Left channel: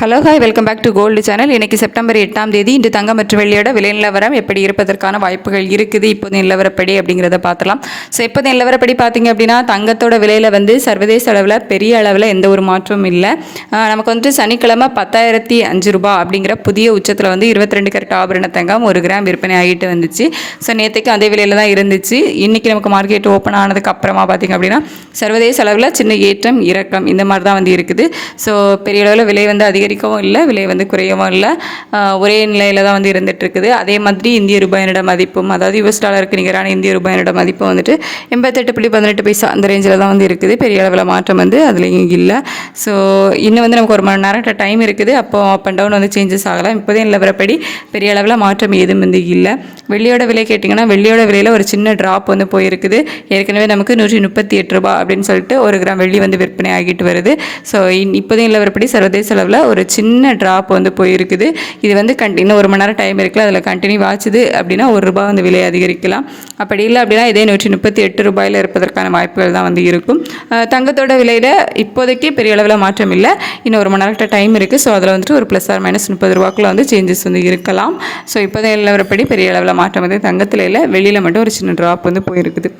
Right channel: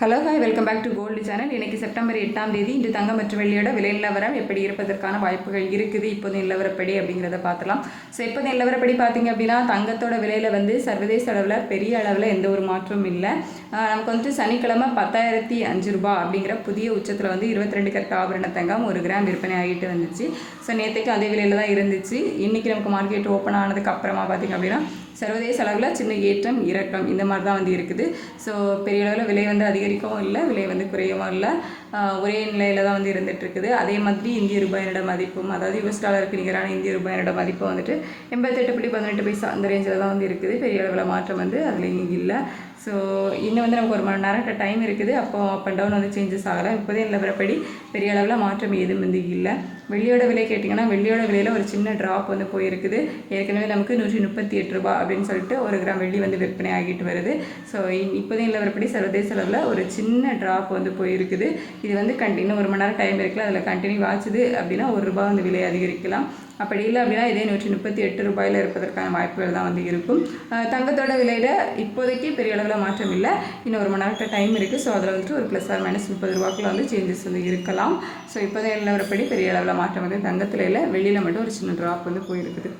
Hello hi, welcome back to gold channel. இன்றைக்கி September 8ஆம் தேதி. இன்று தங்கம் மற்றும் வெள்ளியோட விலை நிலவரம் எப்படி இருப்பதற்கான வாய்ப்புகள் இருக்குது, இப்போது நிலவரப்படி அப்படிங்கிறத பார்த்துலாம். ஸோ இப்போது நிலவரப்படி பார்த்திங்க அப்படின்னா தங்கத்தோட விலையில் வந்து சர்வதேச அளவில் பெரிய அளவில் எந்த ஒரு மாற்றமும் இல்லை. நமக்கு வந்துட்டு சனிக்கிழமை 10,005 ரூபா அப்படிங்கிற புதிய உச்சத்தில் வந்து 22 கேரட் ஆபரண தங்கம் 1 கிராம் விற்பனை ஆகிட்டு வந்துச்சு. ஸோ நேற்றுக்கு அதே விலையில் தான் இருந்துச்சு. இன்றைக்கி நமக்கு மார்க்கெட் ஓப்பன் ஆனதுக்கு அப்புறமா பார்த்திங்க அப்படின்னா சர்வதேச அளவில் சின்ன ஏற்றம் இறக்கம் இந்த மாதிரி தான் வந்து இருக்குது. ஸோ பெரிய அளவில் விலை வந்து அதிகரிக்கவும் இல்லை, விலை வந்து குறையவும் இல்லை, ஒரே நிலையில் தான் வந்து இருந்துட்டு இருக்குது. அதே மாதிரி இந்திய ரூபாயினோட மதிப்பும், அதாவது யுஎஸ் டாலருக்கு நிகரான இந்திய ரூபாயினோட மதிப்பும் வந்துட்டு 88.18 பைசா அந்த ரேஞ்சில் தான் வந்து இருக்குது. பெரிய அளவில் மாற்றம் வந்து அதுலேயும் இல்லை. ஸோ இன்னும் வந்து நமக்கு 1 மணி நேரம் டைம் இருக்குது. அப்போ அப் அண்ட் டவுன் வந்து சேஞ்சஸ் ஆகலாம். இப்போதே நிலவரப்படி பெரிய அளவில் மாற்றம் ஏதும் வந்து இல்லை. வெள்ளியோட விலை கேட்டிங்கன்னா வெள்ளியோட விலையில் ஒரு சின்ன ட்ராப் வந்து போயிருக்குது. ஏற்கனவே நமக்கு 138 ரூபா அப்படின்னு சொல்லிட்டு 1 கிராம் வெள்ளி வந்து விற்பனை ஆகிட்டு வருது. ஸோ இப்போதே நிலவரப்படி சர்வதேச அளவில் ஒரு சின்ன ட்ராப் வந்து போயிருக்குது. இது வந்து இன்னும் 1 மணி நேரம் டைம் இருக்குது. அதில் கண்டினியூ ஆச்சுது அப்படின்னா 1 ரூபா வந்து விலை அதிகரிக்கலாம். அப்படி இல்லை அப்படின்னா இதே 138 ரூபாயில் இருப்பதற்கான வாய்ப்புகள் தான் வந்து இருக்கும். தங்கத்தோட விலையில் இப்போதைக்கு பெரிய அளவில் மாற்றம் இல்லை. இன்னும் 1 மணி நேரம் டைம் இருக்குது. ஸோ அதில் வந்துட்டு ஒரு +or- 30 ரூபாக்குள்ள வந்து சேஞ்சஸ் வந்து இருக்கலாம். ஸோ இப்போதைய நிலவரப்படி பெரிய அளவில் மாற்றம் வந்து தங்கத்தில் இல்லை, வெளியில் மட்டும் ஒரு சின்ன ட்ராப் வந்து போயிருக்குது.